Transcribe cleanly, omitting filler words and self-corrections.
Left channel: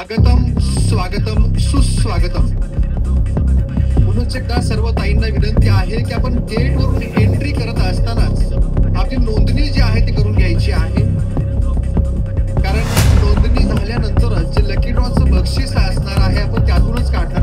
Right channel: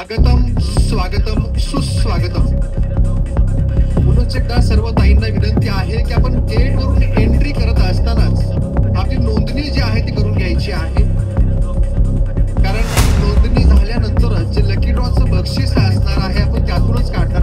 आगतम स्वागतम सुस्वागतम. पुनश्च एकदा सर्व ताईंना विनंती आहे की आपण गेटवरून एंट्री करत असतानाच आपली नोंदणी जी आहे ती करून घ्यायची आहे. कारण नोंदणी झाल्यानंतरच जे लकी ड्रॉचं बक्षीस असणार आहे आपण त्यातूनच काढणार